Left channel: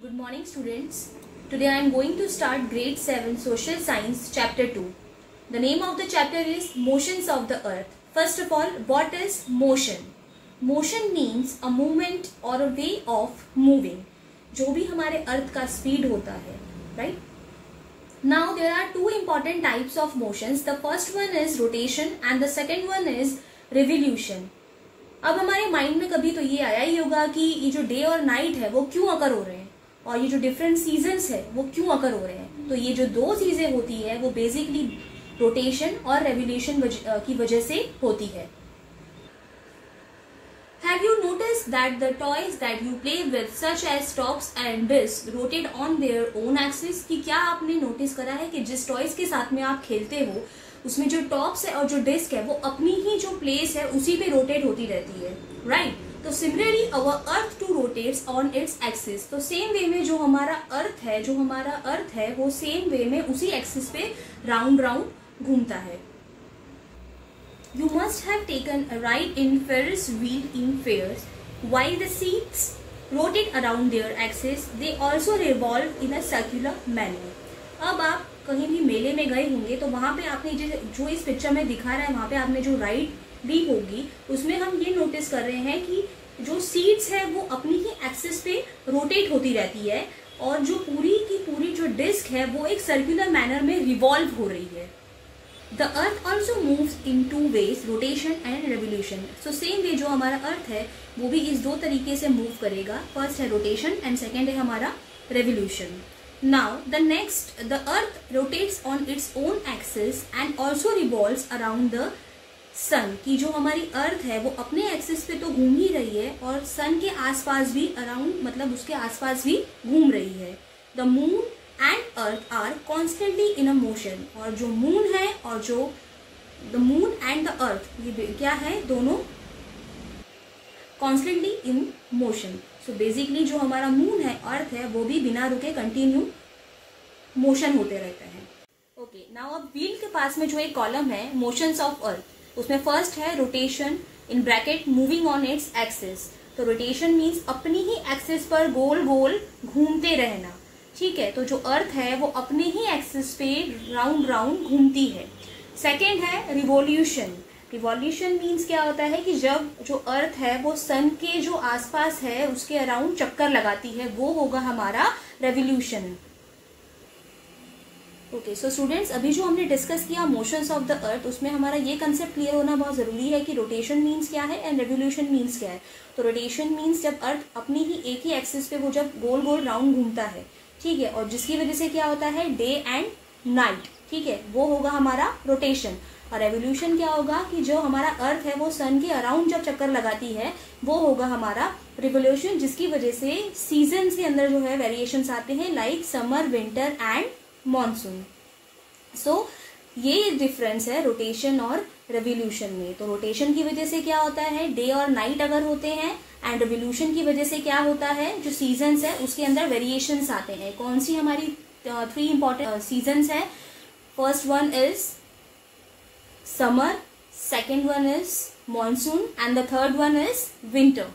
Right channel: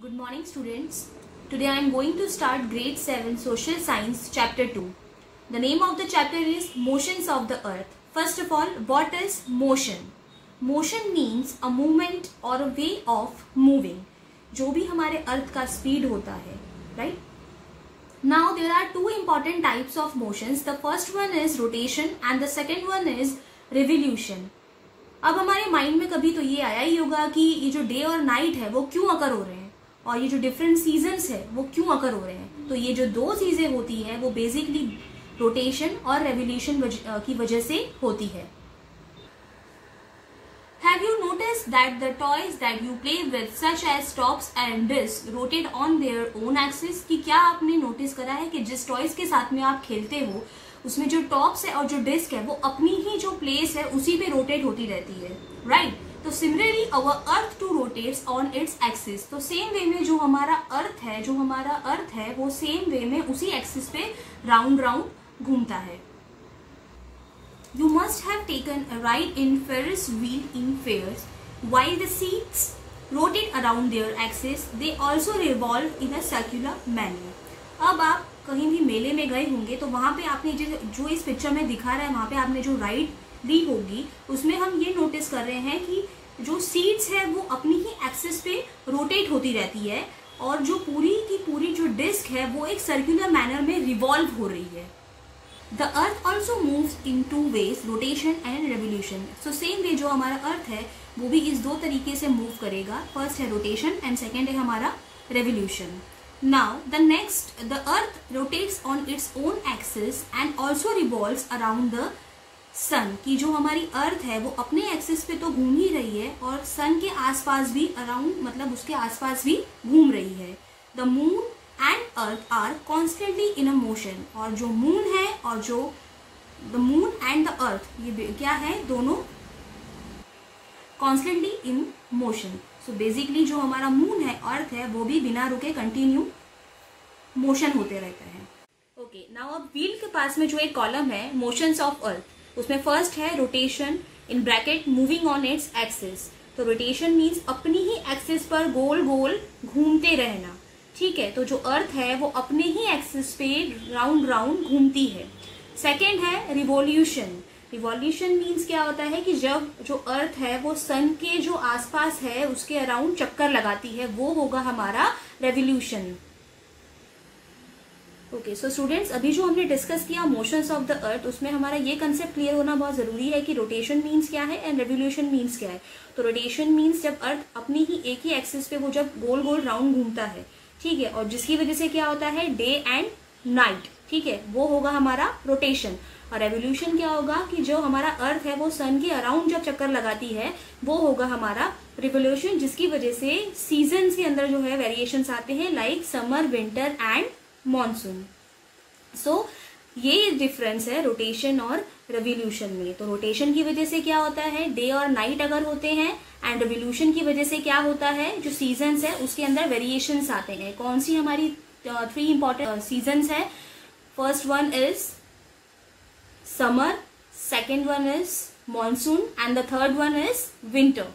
Good morning students. Today I am going to start grade 7 social science chapter 2. The name of the chapter is motions of the earth. First of all, what is motion? Motion means a movement or a way of moving. जो भी हमारे अर्थ का speed होता है, right? Now there are two important types of motions. The first one is rotation and the second one is revolution. अब हमारे mind में कभी तो ये आया ही होगा कि ये जो डे और नाइट है वो क्यों अकर हो रहे हैं और ये जो डिफरेंट सीजन्स है वो क्यों अकर हो रहे हैं. तो ये जो दो चीजें होती है वो बेसिकली रोटेशन और रेवोल्यूशन की वजह से होती है. Have you noticed that the toys that you play with, such as tops and discs, rotate on their own axis? कि क्या आपने नोटिस करा है कि जिस टॉयज के साथ में आप खेलते हो उसमें जो टॉप्स है और जो डिस्क है वो अपनी ही जो प्लेस है उसी पे रोटेट होती रहती है, राइट? तो similarly our earth too rotates on its axis. तो सेम वे में जो हमारा अर्थ है वो सेम वे में उसी एक्सिस पे राउंड राउंड घूमता है. You must have taken a ride in Ferris wheel in fairs. While the seats rotate around their axis, they also revolve in a circular manner. अब आप कहीं भी मेले में गए होंगे तो वहां पे आपने जो इस पिक्चर में दिखा रहा है वहां पे आपने जो राइड ली होगी उसमें हम ये नोटिस कर रहे हैं कि जो सीट्स है वो अपनी ही एक्सिस पे रोटेट होती रहती है और जो पूरी की पूरी जो डिस्क है वो एक सर्कुलर मैनर में रिवॉल्व हो रही है. The earth also moves in two ways, rotation and revolution. So same way जो हमारा अर्थ है वो भी इस दो तरीके से मूव करेगा. फर्स्ट है रोटेशन एंड सेकेंड है हमारा revolution. Now the earth rotates on its own axis and also revolves around the sun. कि जो हमारी अर्थ है वो अपने एक्सिस पे तो घूम ही रही है और सन के आसपास भी अराउंड मतलब उसके आसपास भी घूम रही है. The moon and earth are constantly in a motion. और जो मून है और जो the moon and the earth ये क्या है, दोनों constantly in motion. So basically जो हमारा मून है, अर्थ है, वो भी बिना रुके कंटिन्यू मोशन होते रहते हैं. ओके, नाउ अब व्हील के पास में जो एक कॉलम है मोशंस ऑफ अर्थ, उसमें फर्स्ट है rotation in bracket moving on its axis. तो रोटेशन मीन्स अपनी ही एक्सिस पर गोल गोल घूमते रहना. ठीक है, तो जो अर्थ है वो अपने ही एक्सिस पे राउंड राउंड घूमती है. सेकेंड है रिवॉल्यूशन. रिवॉल्यूशन मीन्स क्या होता है कि जब जो अर्थ है वो सन के जो आसपास है उसके अराउंड चक्कर लगाती है, वो होगा हमारा रेवोल्यूशन. ओके, सो स्टूडेंट्स अभी जो हमने डिस्कस किया मोशंस ऑफ द अर्थ उसमें हमारा ये कंसेप्ट क्लियर होना बहुत जरूरी है कि रोटेशन मीन्स क्या है एंड रेवोल्यूशन मीन्स क्या है. तो रोटेशन मीन्स जब अर्थ अपनी ही एक ही एक्सिस पे वो जब गोल गोल राउंड घूमता है, ठीक है, और जिसकी वजह से क्या होता है डे एंड नाइट, ठीक है, वो होगा हमारा रोटेशन. और रेवोल्यूशन क्या होगा कि जो हमारा अर्थ है वो सन के अराउंड जब चक्कर लगाती है वो होगा हमारा रिवोल्यूशन, जिसकी वजह से सीजन के अंदर जो है वेरिएशंस आते हैं like summer, winter and monsoon. So ये डिफरेंस है रोटेशन और रेवोल्यूशन में. तो रोटेशन की वजह से क्या होता है डे और नाइट अगर होते हैं एंड रेवोल्यूशन की वजह से क्या होता है जो सीजन्स है उसके अंदर वेरिएशंस आते हैं. कौन सी हमारी 3 इंपॉर्टेंट सीजन्स है? First one is summer, second one is monsoon and the third one is winter.